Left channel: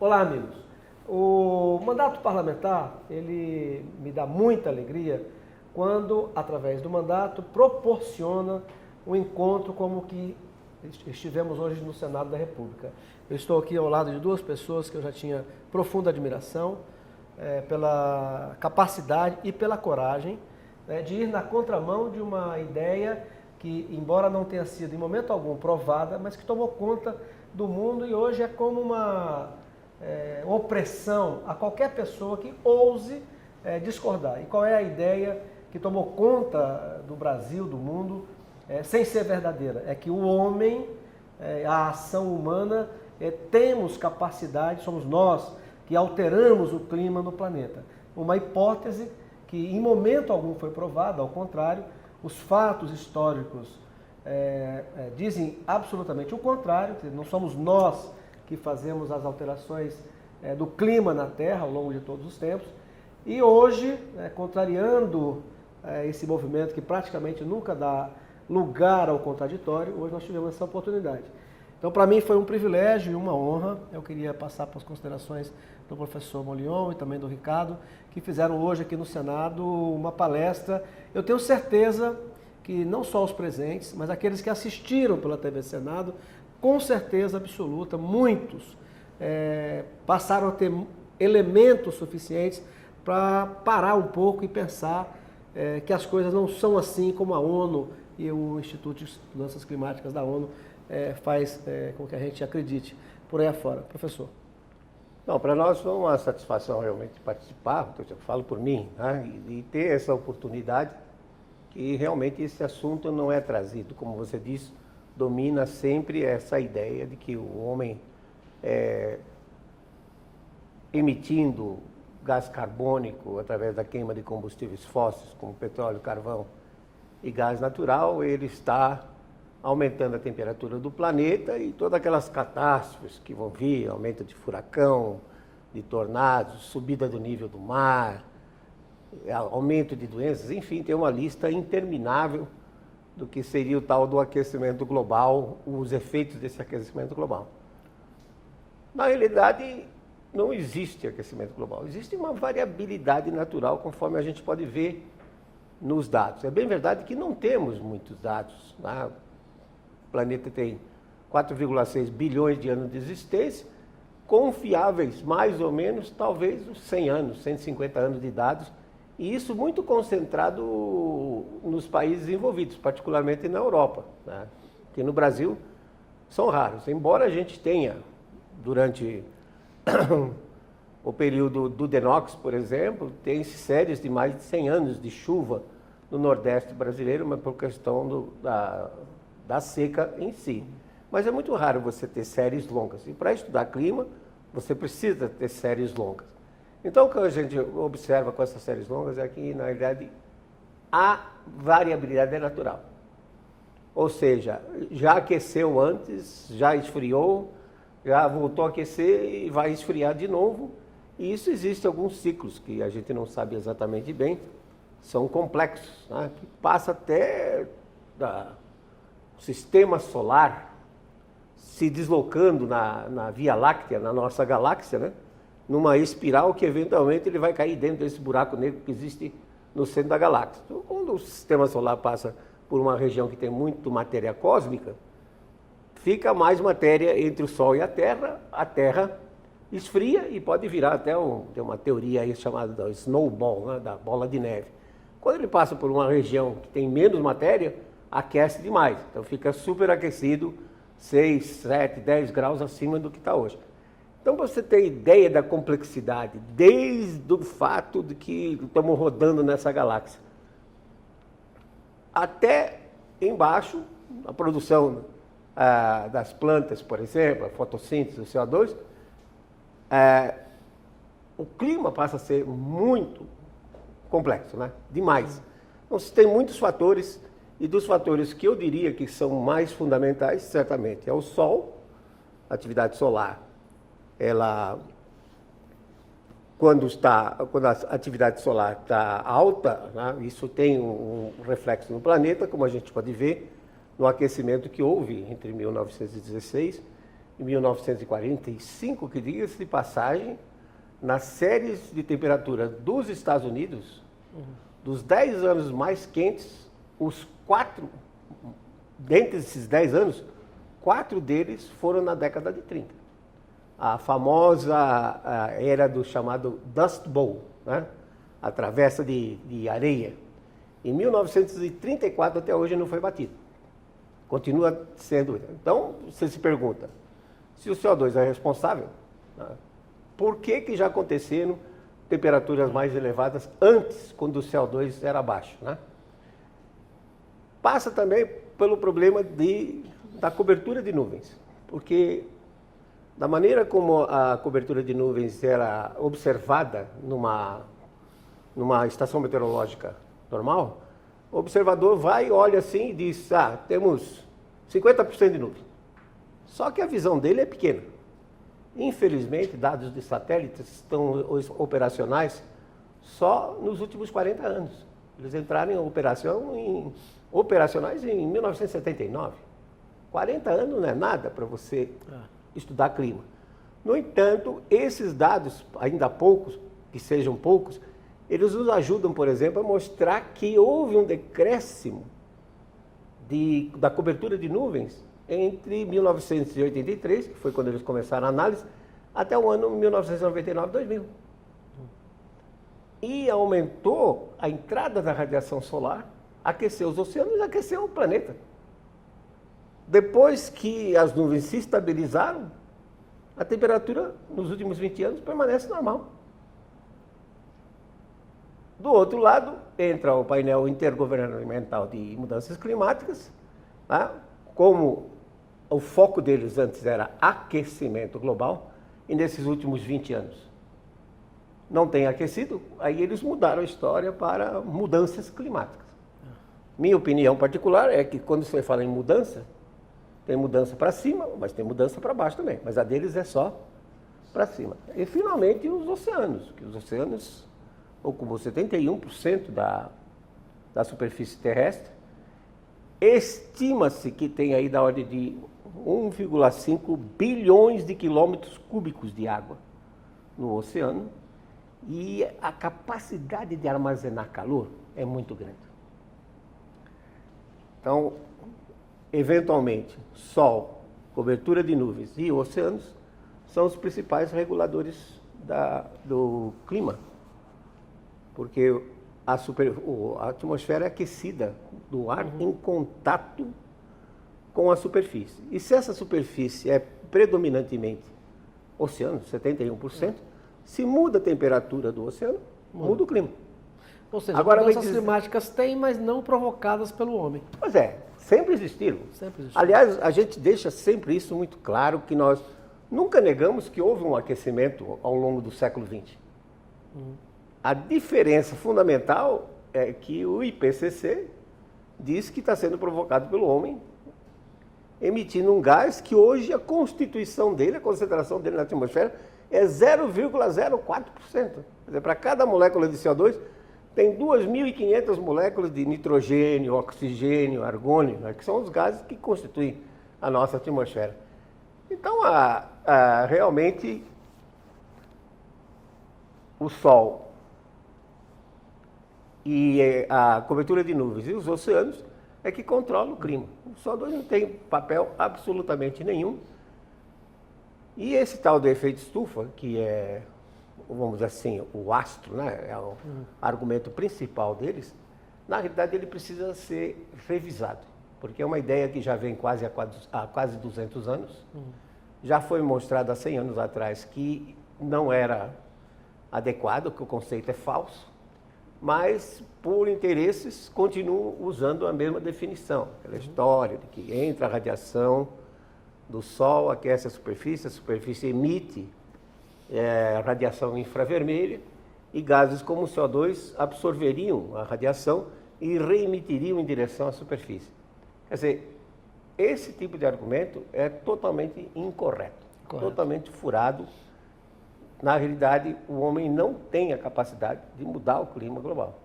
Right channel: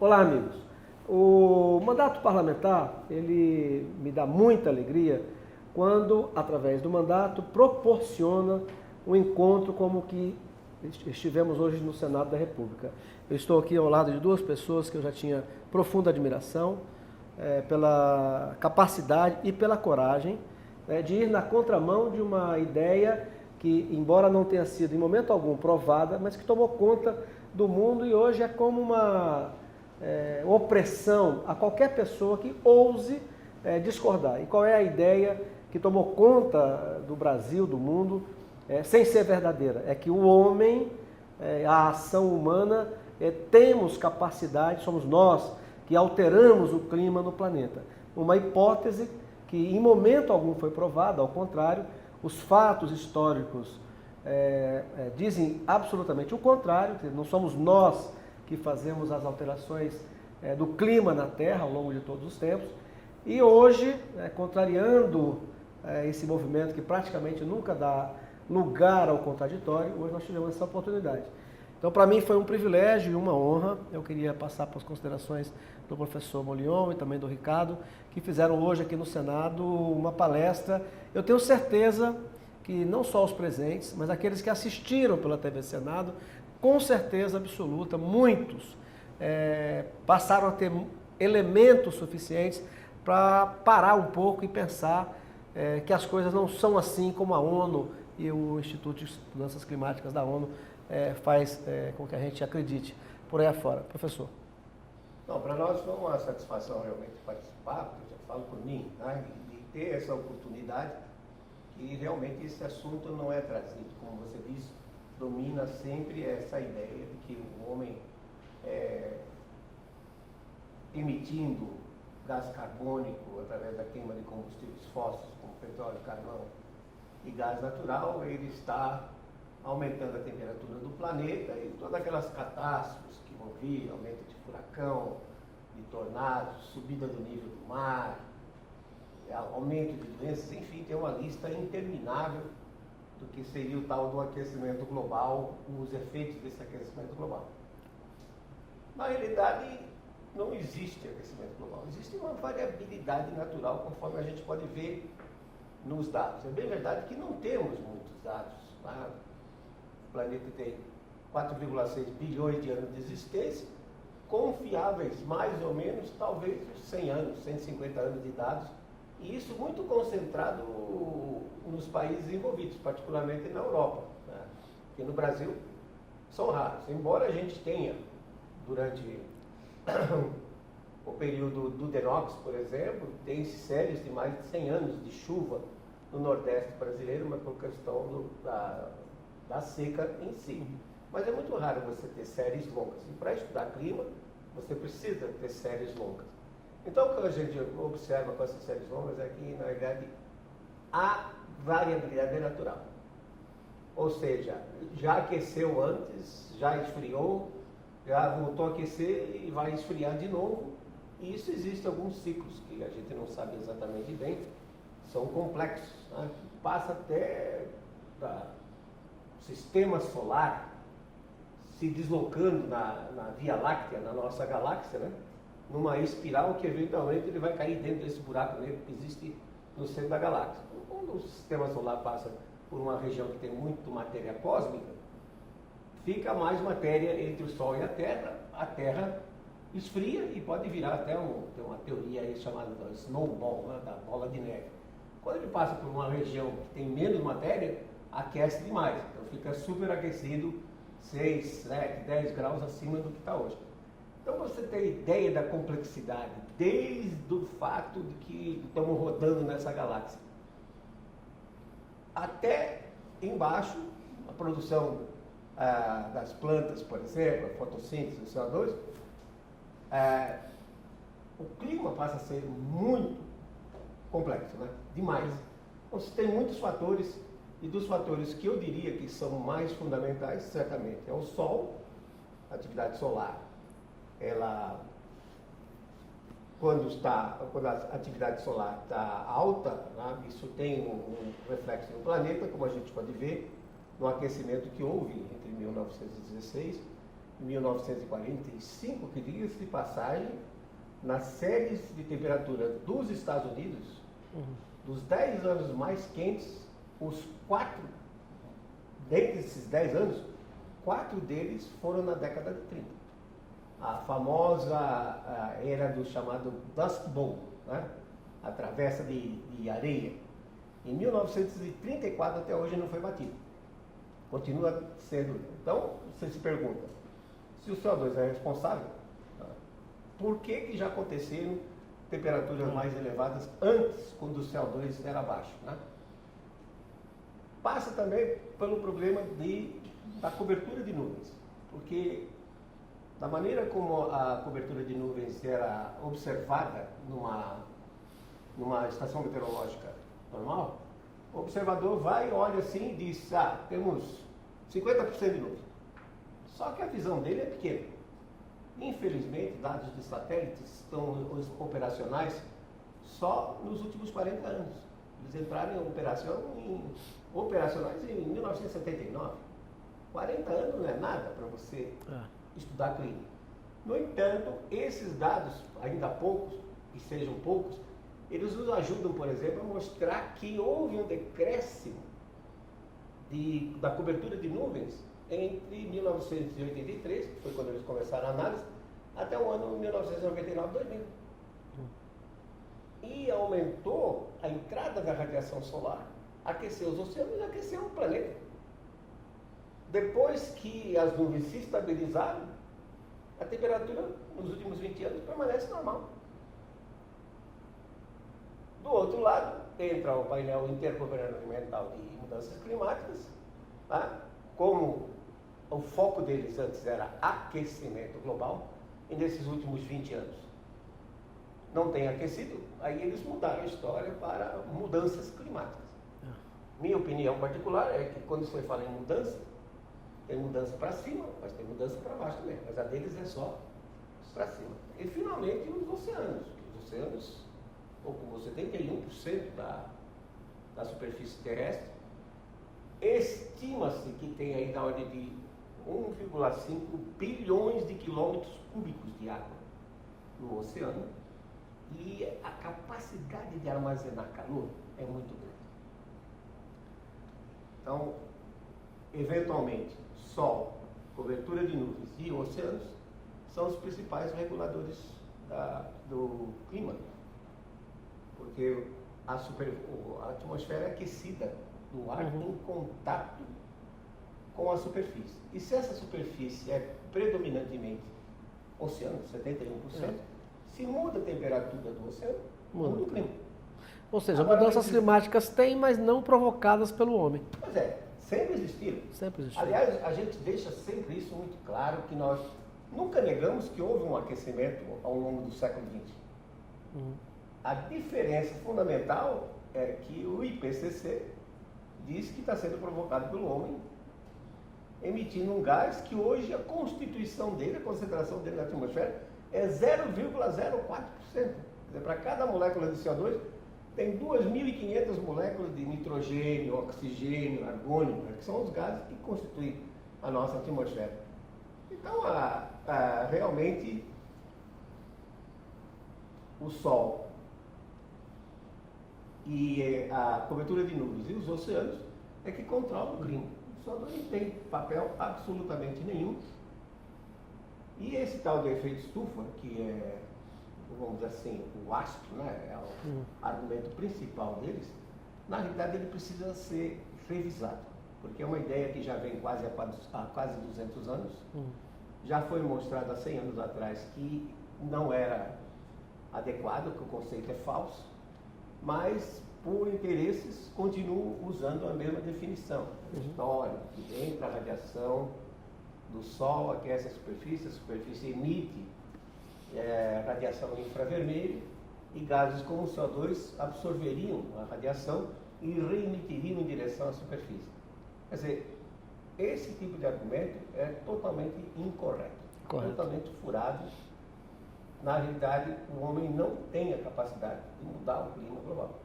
Olá, amigos. O mandato parlamentar, ele me dá muita alegria quando, através do mandato, proporciona um encontro como o que estivemos hoje no Senado da República. Eu estou aqui ao lado de duas pessoas que eu já tinha profunda admiração pela capacidade e pela coragem de ir na contramão de uma ideia que, embora não tenha sido em momento algum provada, mas que tomou conta do mundo e hoje é como uma opressão a qualquer pessoa que ouse discordar. E qual é a ideia que tomou conta do Brasil, do mundo, sem ser verdadeira? É que o homem, a ação humana, temos capacidade, somos nós que alteramos o clima no planeta. Uma hipótese que em momento algum foi provada, ao contrário, os fatos históricos dizem absolutamente o contrário, não somos nós que fazemos as alterações do clima na Terra ao longo de todos os tempos. E hoje, contrariando esse movimento que praticamente nunca dá lugar ao contraditório, hoje nós tivemos essa oportunidade. Então, para mim foi um privilégio e uma honra. Eu queria passar para as considerações do professor Molion e também do Ricardo, que fizeram hoje aqui no Senado uma palestra. Eu tenho certeza que não só os presentes, mas aqueles que assistiram pela TV Senado, com certeza absoluta, muitos passaram a ter elementos suficientes para parar um pouco e pensar que as coisas não são assim como a ONU e o Instituto de Mudanças Climáticas da ONU faz com que a gente acredite por aí afora. Professor. Não, para nós foi uma satisfação realmente participar, eu falo por mim, né, e ter essa oportunidade que realmente esse assunto não é trazido, como você disse, domina sempre essa ideia de que o homem emitindo gás carbônico através da queima de combustíveis fósseis, como petróleo, carvão e gás natural, ele está aumentando a temperatura do planeta e todas aquelas catástrofes que vão vir, aumento de furacão, de tornados, subida do nível do mar, aumento de doenças, enfim, tem uma lista interminável do que seria o tal do aquecimento global, os efeitos desse aquecimento global. Na realidade, não existe aquecimento global, existe uma variabilidade natural, conforme a gente pode ver nos dados. É bem verdade que não temos muitos dados, né? O planeta tem 4,6 bilhões de anos de existência, confiáveis mais ou menos, talvez uns 100 anos, 150 anos de dados, e isso muito concentrado nos países envolvidos, particularmente na Europa, né? Que no Brasil são raros, embora a gente tenha, durante o período do Denox, por exemplo, tem séries de mais de 100 anos de chuva no Nordeste brasileiro, mas por questão da seca em si. Mas é muito raro você ter séries longas. E para estudar clima, você precisa ter séries longas. Então, o que a gente observa com essas séries longas é que, na realidade, a variabilidade é natural. Ou seja, já aqueceu antes, já esfriou, já voltou a aquecer e vai esfriar de novo. E isso existe alguns ciclos que a gente não sabe exatamente bem, são complexos, né? Que passa até do sistema solar se deslocando na Via Láctea, na nossa galáxia, né? Numa espiral que eventualmente ele vai cair dentro desse buraco negro que existe no centro da galáxia. Então, quando o sistema solar passa por uma região que tem muito matéria cósmica, fica mais matéria entre o Sol e a Terra esfria e pode virar até tem uma teoria aí chamada da snowball, né? Da bola de neve. Quando ele passa por uma região que tem menos matéria, aquece demais, então fica superaquecido, 6, 7, 10 graus acima do que está hoje. Então, para você ter ideia da complexidade, desde o fato de que estamos rodando nessa galáxia, até embaixo, a produção das plantas, por exemplo, a fotossíntese do CO2, o clima passa a ser muito complexo, né? Demais. Então, você tem muitos fatores, e dos fatores que eu diria que são mais fundamentais, certamente, é o Sol, a atividade solar. Ela, quando a atividade solar está alta, né, isso tem um reflexo no planeta, como a gente pode ver no aquecimento que houve entre 1916 e 1945, que diga-se de passagem, nas séries de temperatura dos Estados Unidos, dos 10 anos mais quentes, dentre esses 10 anos, 4 deles foram na década de 30. A famosa era do chamado Dust Bowl, né? A travessa de areia. Em 1934 até hoje não foi batido. Continua sendo. Então, você se pergunta, se o CO2 é responsável, né? Por que já aconteceram temperaturas mais elevadas antes, quando o CO2 era baixo, né? Passa também pelo problema da cobertura de nuvens, porque da maneira como a cobertura de nuvens era observada numa estação meteorológica normal, o observador vai, olha assim e diz, temos 50% de nuvem. Só que a visão dele é pequena. Infelizmente, dados de satélites estão operacionais só nos últimos 40 anos. Eles entraram em operacionais em 1979. 40 anos não é nada para você estudar clima. No entanto, esses dados, ainda poucos, que sejam poucos, eles nos ajudam, por exemplo, a mostrar que houve um decréscimo da cobertura de nuvens entre 1983, que foi quando eles começaram a análise, até o ano 1999-2000. E aumentou a entrada da radiação solar, aqueceu os oceanos e aqueceu o planeta. Depois que as nuvens se estabilizaram, a temperatura nos últimos 20 anos permanece normal. Do outro lado, entra o painel intergovernamental de mudanças climáticas, tá? Como o foco deles antes era aquecimento global, e nesses últimos 20 anos não tem aquecido, aí eles mudaram a história para mudanças climáticas. Minha opinião particular é que quando você fala em mudança, tem mudança para cima, mas tem mudança para baixo também, mas a deles é só para cima. E finalmente os oceanos, que os oceanos ocupam 71% da superfície terrestre. Estima-se que tem aí da ordem de 1,5 bilhões de quilômetros cúbicos de água no oceano, e a capacidade de armazenar calor é muito grande. Então, eventualmente, Sol, cobertura de nuvens e oceanos são os principais reguladores do clima, porque a atmosfera é aquecida do ar em contato com a superfície. E se essa superfície é predominantemente oceano, 71%, se muda a temperatura do oceano, muda o clima. Ou seja, mudanças climáticas têm, mas não provocadas pelo homem. Pois é, sempre existiram. Sempre existiram. Aliás, a gente deixa sempre isso muito claro, que nós nunca negamos que houve um aquecimento ao longo do século XX. A diferença fundamental é que o IPCC diz que está sendo provocado pelo homem, emitindo um gás que hoje a constituição dele, a concentração dele na atmosfera, é 0,04%. Quer dizer, para cada molécula de CO2, tem 2.500 moléculas de nitrogênio, oxigênio, argônio, né, que são os gases que constituem a nossa atmosfera. Então, realmente, o Sol e a cobertura de nuvens e os oceanos é que controlam o clima. O CO2 não tem papel absolutamente nenhum. E esse tal do efeito estufa, que é, vamos dizer assim, o astro, né, é o argumento principal deles, na realidade ele precisa ser revisado, porque é uma ideia que já vem há quase 200 anos, já foi mostrado há 100 anos atrás que não era adequado, que o conceito é falso, mas por interesses continuam usando a mesma definição, aquela história de que entra a radiação do Sol, aquece a superfície emite radiação infravermelha, e gases como o CO2 absorveriam a radiação e reemitiriam em direção à superfície. Quer dizer, esse tipo de argumento é totalmente incorreto, totalmente furado. Na realidade, o homem não tem a capacidade de mudar o clima global.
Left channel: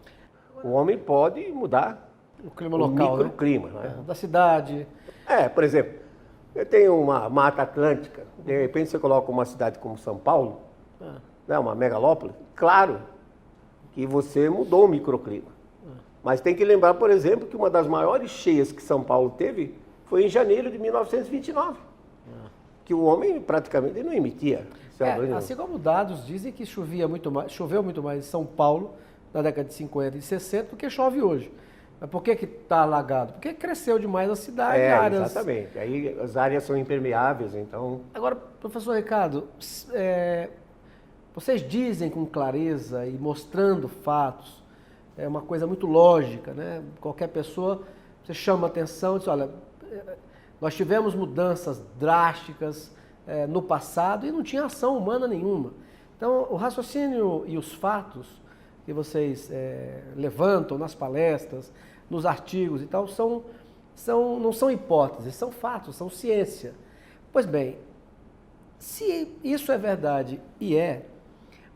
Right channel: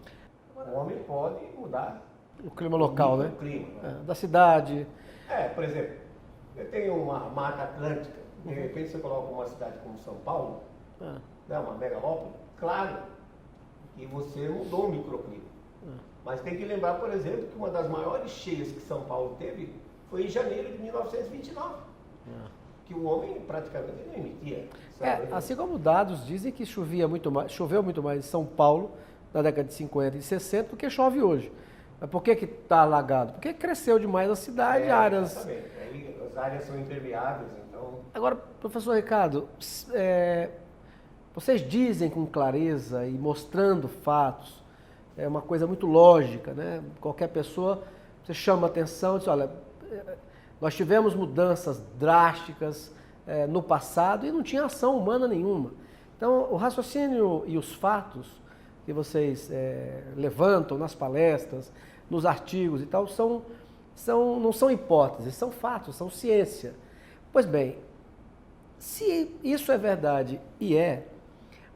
O homem pode mudar o clima local, o clima, né? Da cidade. Por exemplo, eu tenho uma mata atlântica De repente você coloca uma cidade como São Paulo, né, uma megalópole, claro que você mudou o microclima. Mas tem que lembrar, por exemplo, que uma das maiores cheias que São Paulo teve foi em janeiro de 1929. Que o homem praticamente não emitia. Assim como dados dizem que choveu muito mais em São Paulo na década de 50 e 60 do que chove hoje. Mas por que está alagado? Porque cresceu demais a cidade, áreas... Exatamente. Aí as áreas são impermeáveis, então... Agora, professor Ricardo, vocês dizem com clareza e mostrando fatos, é uma coisa muito lógica, né? Qualquer pessoa, você chama atenção e diz, olha, nós tivemos mudanças drásticas no passado e não tinha ação humana nenhuma. Então, o raciocínio e os fatos que vocês levantam nas palestras, nos artigos e tal, não são hipóteses, são fatos, são ciência. Pois bem, se isso é verdade e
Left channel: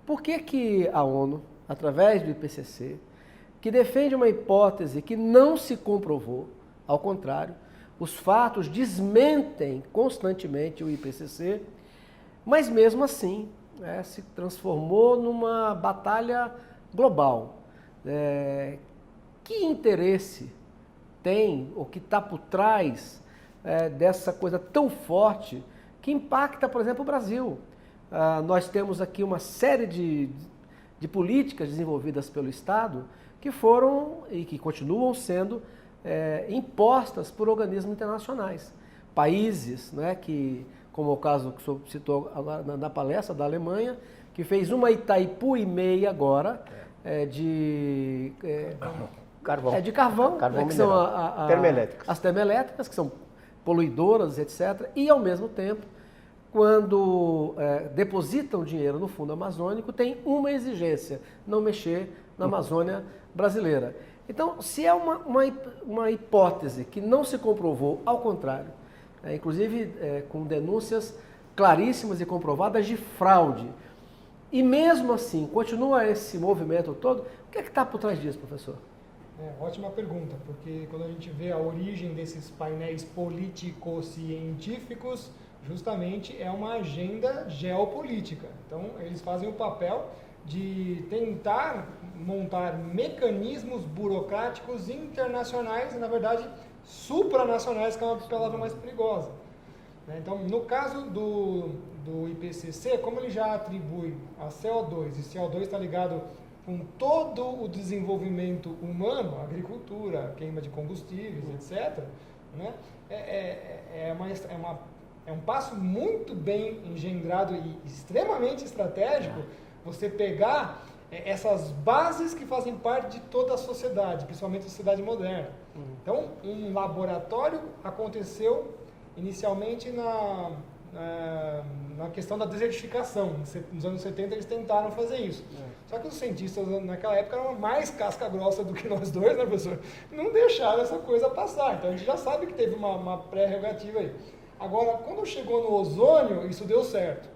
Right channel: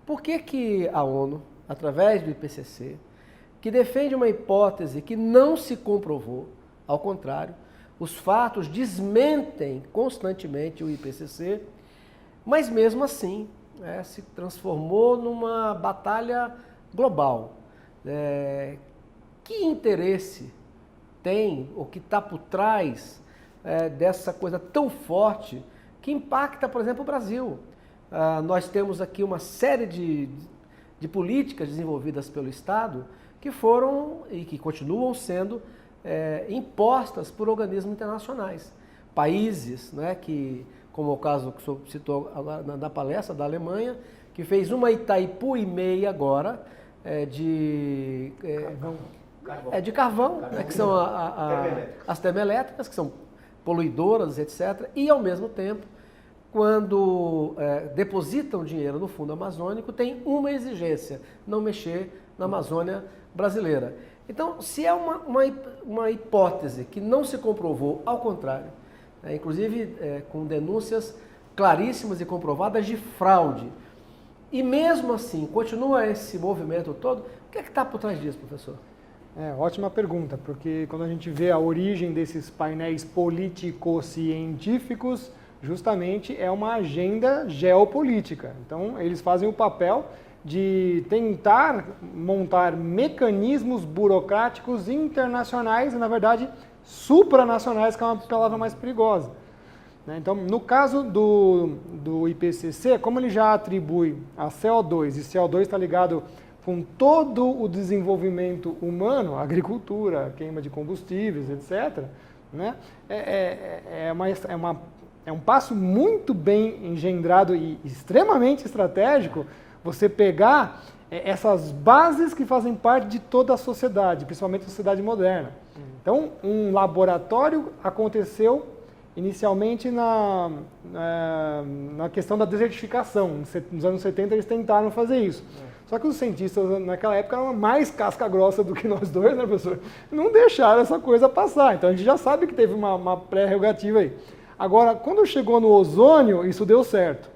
por que a ONU, através do IPCC, que defende uma hipótese que não se comprovou, ao contrário, os fatos desmentem constantemente o IPCC, mas mesmo assim se transformou numa batalha global. Que interesse tem, ou que está por trás dessa coisa tão forte que impacta, por exemplo, o Brasil? Nós temos aqui uma série de políticas desenvolvidas pelo Estado que foram e que continuam sendo impostas por organismos internacionais. Países, né, como o caso que o senhor citou na palestra da Alemanha, que fez uma Itaipu e meia agora de carvão, né, que são as termoelétricas, que são poluidoras, etc. E, ao mesmo tempo, quando depositam dinheiro no fundo amazônico, tem uma exigência, não mexer na Amazônia brasileira. Então, se é uma hipótese que não se comprovou, ao contrário, inclusive com denúncias claríssimas e comprovadas de fraude, e mesmo assim continua esse movimento todo, o que é que está por trás disso, professor? Ótima pergunta, porque quando a gente vê a origem desses painéis político-científicos, justamente é uma agenda geopolítica. Então, eles fazem o papel de tentar montar mecanismos burocráticos internacionais e, na verdade, supranacionais, que é uma palavra mais perigosa. Então, no caso do IPCC, como ele já atribui a CO2, e CO2 está ligado com todo o desenvolvimento humano, agricultura, queima de combustíveis, etc., né? É um passo muito bem engendrado e extremamente estratégico você pegar essas bases que fazem parte de toda a sociedade, principalmente a sociedade moderna. Então, um laboratório aconteceu inicialmente na questão da desertificação. Nos anos 70 eles tentaram fazer isso. Só que os cientistas naquela época eram mais casca grossa do que nós dois, né, professor? Não deixaram essa coisa passar. Então a gente já sabe que teve uma prerrogativa aí. Agora, quando chegou no ozônio, isso deu certo.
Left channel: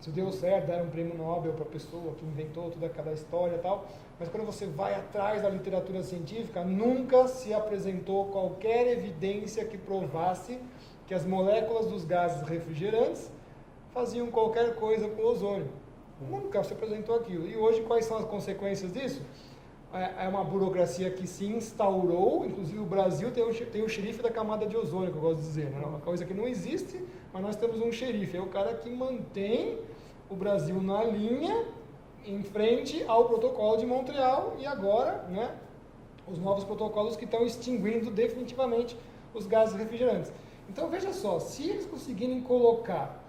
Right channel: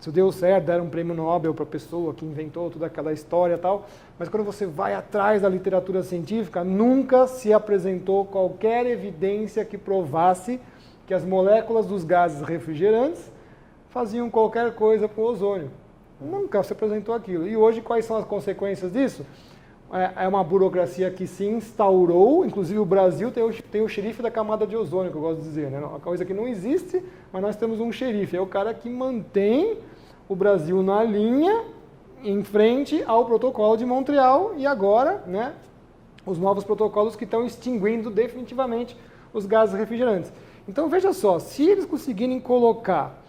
Isso deu certo, deram um prêmio Nobel para a pessoa que inventou toda aquela história e tal. Mas quando você vai atrás da literatura científica, nunca se apresentou qualquer evidência que provasse que as moléculas dos gases refrigerantes faziam qualquer coisa com o ozônio. Nunca se apresentou aquilo. E hoje, quais são as consequências disso? É uma burocracia que se instaurou, inclusive o Brasil tem o xerife da camada de ozônio, que eu gosto de dizer, né? Uma coisa que não existe, mas nós temos um xerife. É o cara que mantém o Brasil na linha, em frente ao protocolo de Montreal e agora, né, os novos protocolos que estão extinguindo definitivamente os gases refrigerantes. Então, veja só, se eles conseguirem colocar,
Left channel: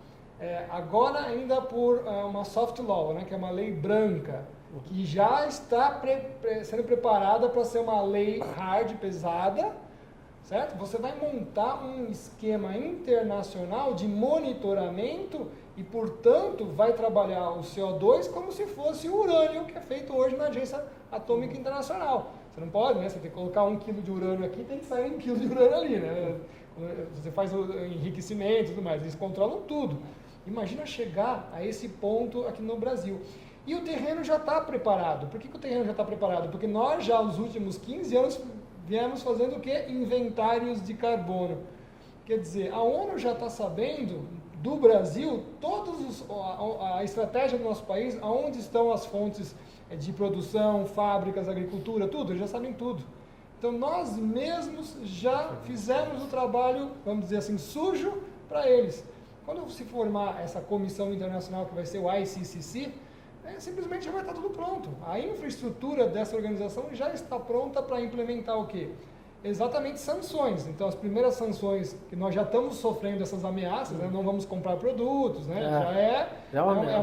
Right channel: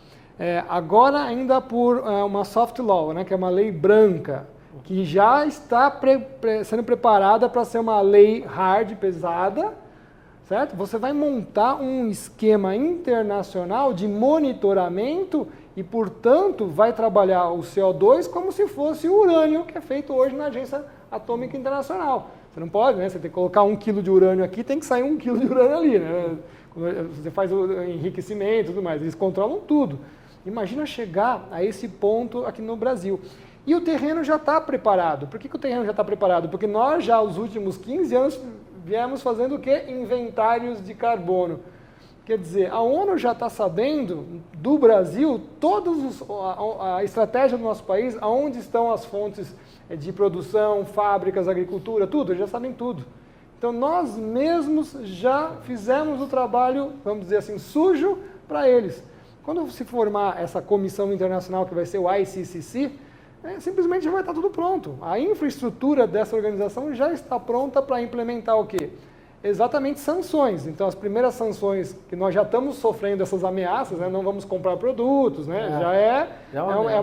agora ainda por uma soft law, né, que é uma lei branca, que já está sendo preparada para ser uma lei hard, pesada, certo? Você vai montar um esquema internacional de monitoramento e, portanto, vai trabalhar o CO2 como se fosse o urânio que é feito hoje na Agência Atômica Internacional. Você não pode, né? Você tem que colocar 1 quilo de urânio aqui, tem que sair 1 quilo de urânio ali, né? Você faz o enriquecimento e tudo mais, eles controlam tudo. Imagina chegar a esse ponto aqui no Brasil. E o terreno já está preparado. Por que o terreno já está preparado? Porque nós já, nos últimos 15 anos, viemos fazendo o quê? Inventários de carbono. Quer dizer, a ONU já está sabendo do Brasil a estratégia do nosso país, aonde estão as fontes de produção, fábricas, agricultura, tudo, eles já sabem tudo. Então nós mesmos já fizemos o trabalho, vamos dizer assim, sujo para eles. Quando se formar essa comissão internacional que vai ser o ICCC, simplesmente já vai estar tudo pronto. A infraestrutura dessa organização já está pronta para implementar o quê? Exatamente sanções. Então, as primeiras sanções que nós já estamos sofrendo essas ameaças, né? Não vamos comprar produtos, né? Já é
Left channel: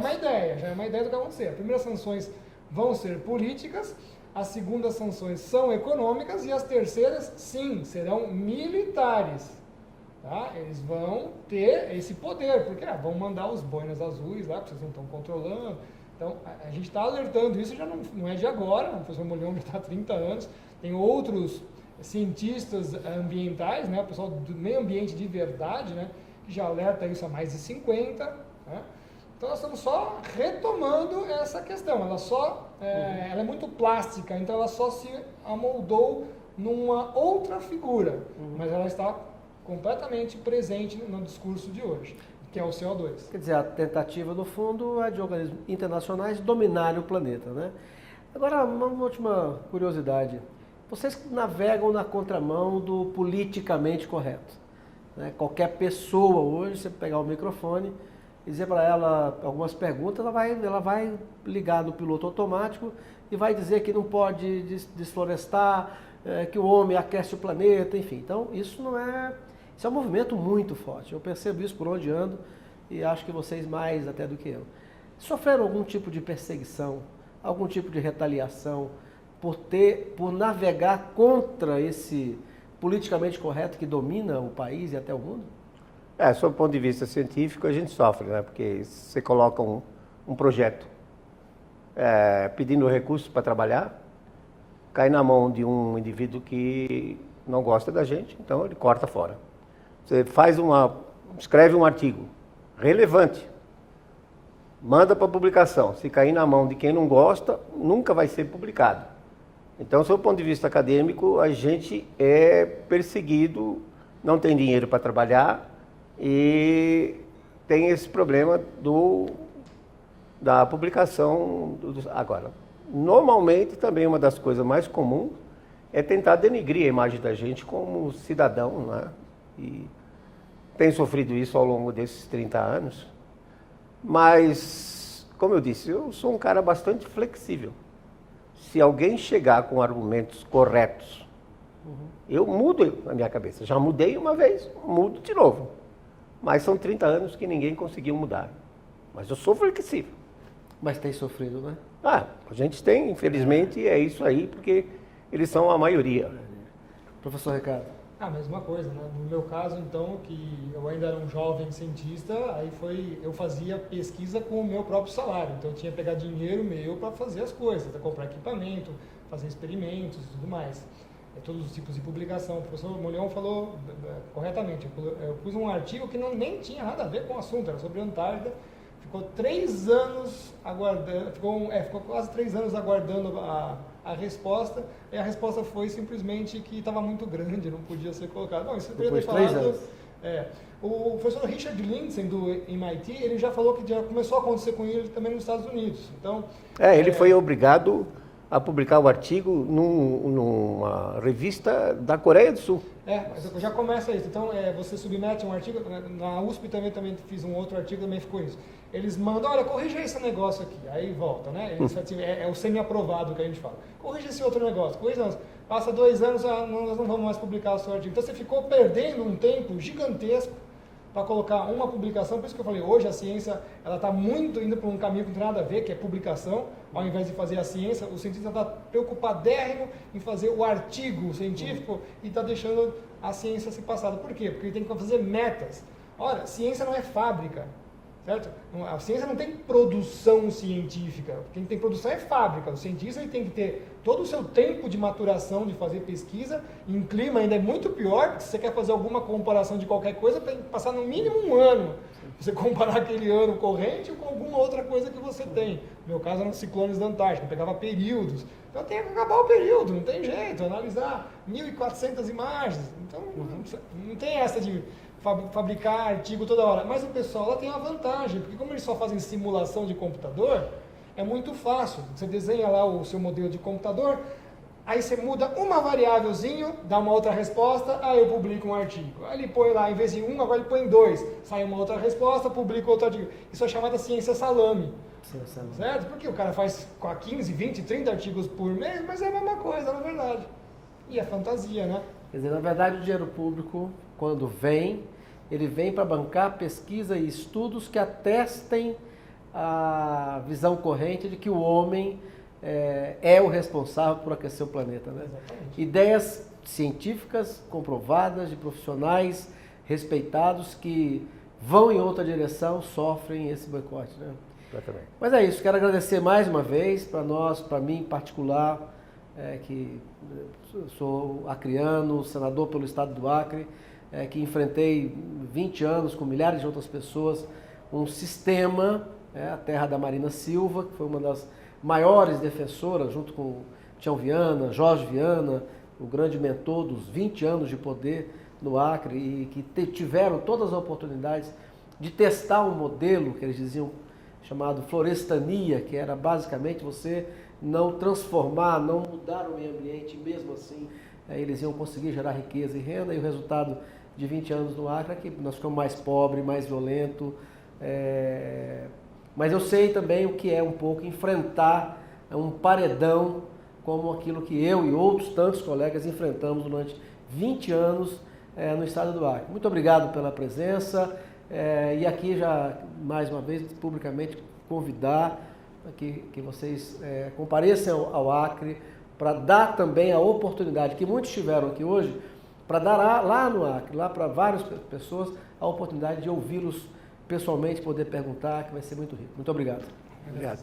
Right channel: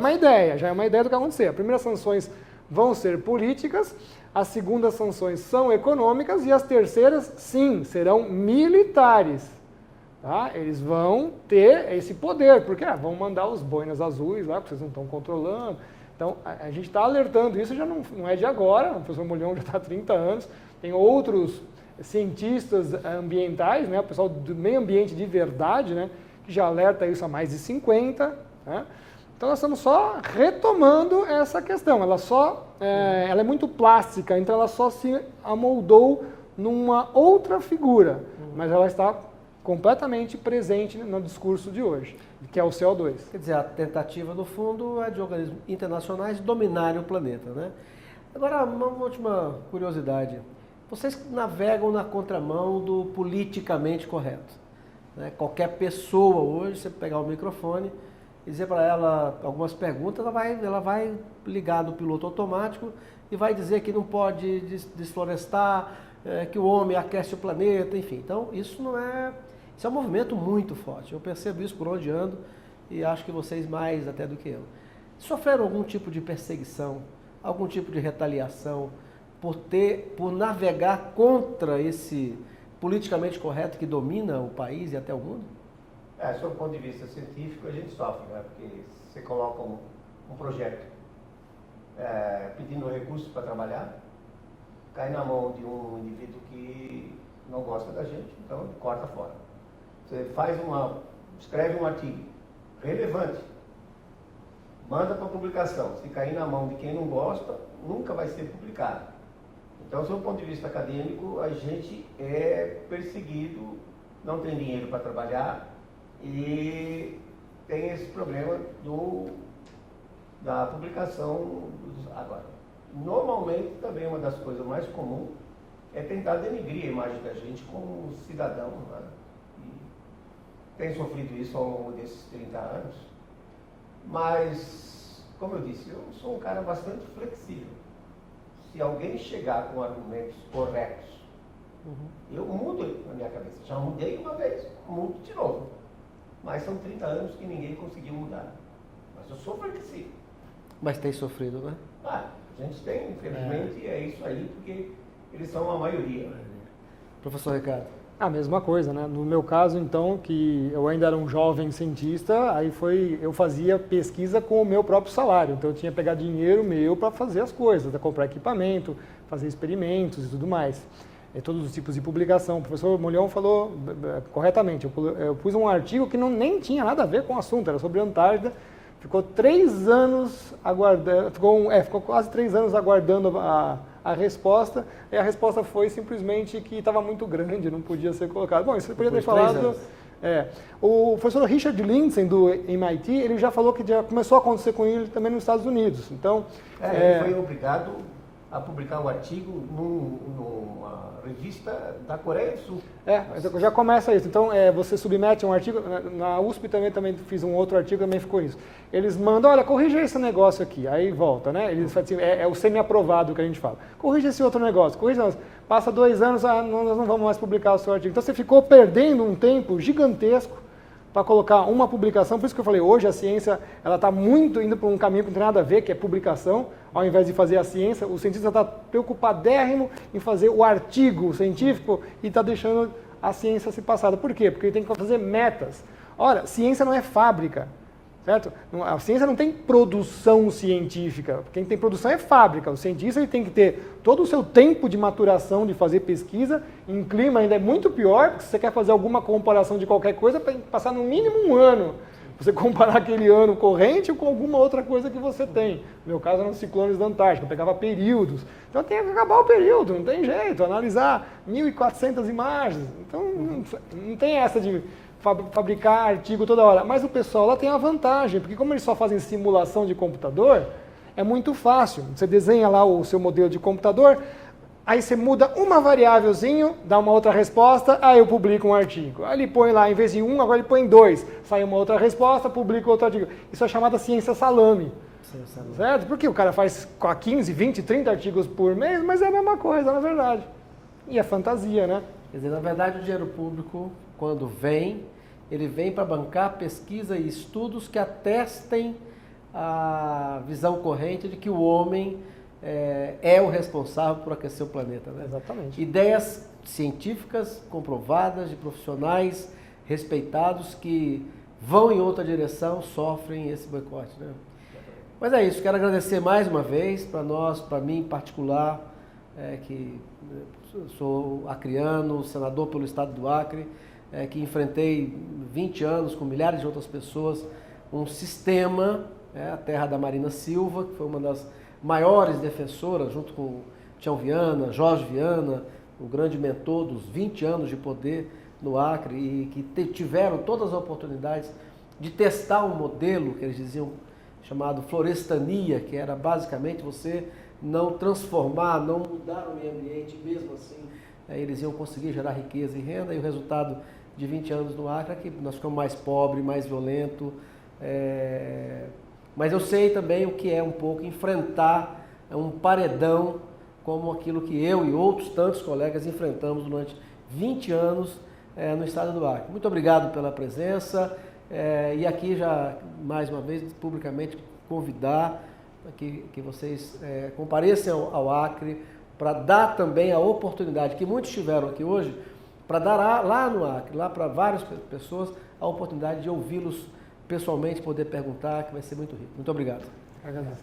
uma ideia do que vai acontecer. As primeiras sanções vão ser políticas, as segundas sanções são econômicas e as terceiras, sim, serão militares. Tá? Eles vão ter esse poder, porque vão mandar os boinas azuis lá, que vocês não estão controlando. Então, a gente está alertando, isso já não é de agora, o professor Molhão já está há 30 anos, tem outros cientistas ambientais, né, o pessoal do meio ambiente de verdade, né, que já alerta isso há mais de 50. Né? Então nós estamos só retomando essa questão. Ela ela é muito plástica, então ela só se amoldou numa outra figura, mas ela está completamente presente no discurso de hoje, que é o CO2. Quer dizer, a tentativa, no fundo, é de organismos internacionais dominarem o planeta, né? Agora, uma última curiosidade. Vocês navegam na contramão do politicamente correto. Né? Qualquer pessoa hoje, você pegar o microfone e dizer para ela algumas perguntas, ela vai ligar no piloto automático e vai dizer que não pode desflorestar, que o homem aquece o planeta, enfim. Então, isso é um movimento muito forte. Eu percebo isso por onde ando e acho que vocês mais até do que eu. Sofreram algum tipo de perseguição, algum tipo de retaliação, por navegar contra esse politicamente correto que domina o país e até o mundo? Sob o ponto de vista científico, a gente sofre, né? Porque você coloca um projeto pedindo recursos para trabalhar, cai na mão de um indivíduo que não gosta da gente, então ele corta fora. Você escreve um artigo relevante, manda para publicação. Se cair na mão de quem não gosta, nunca vai ser publicado. Então, sob o ponto de vista acadêmico, a gente é perseguido, não tem dinheiro para trabalhar e tem esse problema da publicação. Agora, normalmente, também uma das coisas mais comuns é tentar denigrir a imagem da gente como cidadão, né? E tem sofrido isso ao longo desses 30 anos. Mas, como eu disse, eu sou um cara bastante flexível. Se alguém chegar com argumentos corretos, eu mudo a minha cabeça. Já mudei uma vez, mudo de novo. Mas são 30 anos que ninguém conseguiu mudar. Mas eu sou flexível. Mas tem sofrido, né? A gente tem, infelizmente, é isso aí, porque eles são a maioria. Professor Ricardo. A mesma coisa, né? No meu caso, então, que eu ainda era um jovem cientista, eu fazia pesquisa com o meu próprio salário. Então, eu tinha que pegar dinheiro meu para fazer as coisas, comprar equipamento, fazer experimentos e tudo mais. Todos os tipos de publicação. O professor Molhão falou corretamente. Eu pus um artigo que nem tinha nada a ver com o assunto, era sobre a Antártida. Ficou 3 anos aguardando, ficou quase 3 anos aguardando a resposta, e a resposta foi simplesmente que estava muito grande, não podia ser colocado. Bom, isso podia ter falado. 3 anos. O professor Richard Lindzen, do MIT, ele já falou que já começou a acontecer com ele também nos Estados Unidos. Então, ele foi obrigado a publicar o artigo numa revista da Coreia do Sul. Mas já começa isso. Então, você submete um artigo, na USP também fiz um outro artigo, também ficou isso. Eles mandam, olha, corrija esse negócio aqui, aí volta, né? É o semi-aprovado que a gente fala. Corrija esse outro negócio, passa 2 anos, nós não vamos mais publicar o seu artigo. Então, você ficou perdendo um tempo gigantesco para colocar uma publicação. Por isso que eu falei, hoje a ciência ela está muito indo para um caminho que não tem nada a ver, que é publicação. Ao invés de fazer a ciência, o cientista está preocupadérrimo em fazer o artigo científico e está deixando a ciência se passar. Por quê? Porque ele tem que fazer metas. Olha, ciência não é fábrica. Certo? A ciência não tem produção científica. Quem tem produção é fábrica. O cientista ele tem que ter todo o seu tempo de maturação de fazer pesquisa. Em clima ainda é muito pior, porque se você quer fazer alguma comparação de qualquer coisa, tem que passar no mínimo 1 ano. Você comparar aquele ano corrente com alguma outra coisa que você tem. No meu caso, nos ciclones da Antártica, eu pegava períodos. Então tem que acabar o período, não tem jeito. Analisar 1.400 imagens. Então não tem essa de fabricar artigo toda hora. Mas o pessoal lá tem a vantagem, porque como eles só fazem simulação de computador, é muito fácil. Você desenha lá o seu modelo de computador, aí você muda uma variávelzinho, dá uma outra resposta, aí eu publico um artigo. Aí ele põe lá, em vez de 1, agora ele põe 2. Sai uma outra resposta, publica outro artigo. Isso é chamada ciência salame. Certo? Porque o cara faz 15, 20, 30 artigos por mês, mas é a mesma coisa, na verdade. E é fantasia, né? Quer dizer, na verdade, o dinheiro público, quando vem, ele vem para bancar pesquisa e estudos que atestem a visão corrente de que o homem é o responsável por aquecer o planeta. Né? Exatamente. Ideias científicas comprovadas, de profissionais respeitados que vão em outra direção, sofrem esse boicote. Né? Mas é isso, quero agradecer mais uma vez para mim em particular, que sou acriano, senador pelo estado do Acre, que enfrentei 20 anos com milhares de outras pessoas, um sistema, a terra da Marina Silva, que foi uma das maiores defensoras, junto com Tião Viana, Jorge Viana, o grande mentor dos 20 anos de poder no Acre, e que tiveram todas as oportunidades de testar um modelo que eles diziam chamado florestania, que era basicamente você não transformar, não mudar o meio ambiente, mesmo assim eles iam conseguir gerar riqueza e renda, e o resultado de 20 anos no Acre é que nós ficamos mais pobres, mais violentos, mas eu sei também o que é um pouco enfrentar um paredão como aquilo que eu e outros tantos colegas enfrentamos durante 20 anos no estado do Acre. Muito obrigado pela presença. E aqui já, mais uma vez, publicamente convidar que vocês compareçam ao Acre para dar também a oportunidade, que muitos tiveram aqui hoje, para dar lá no Acre, lá para várias pessoas, a oportunidade de ouvi-los pessoalmente, poder perguntar, que vai ser muito rico. Muito obrigado. Obrigado.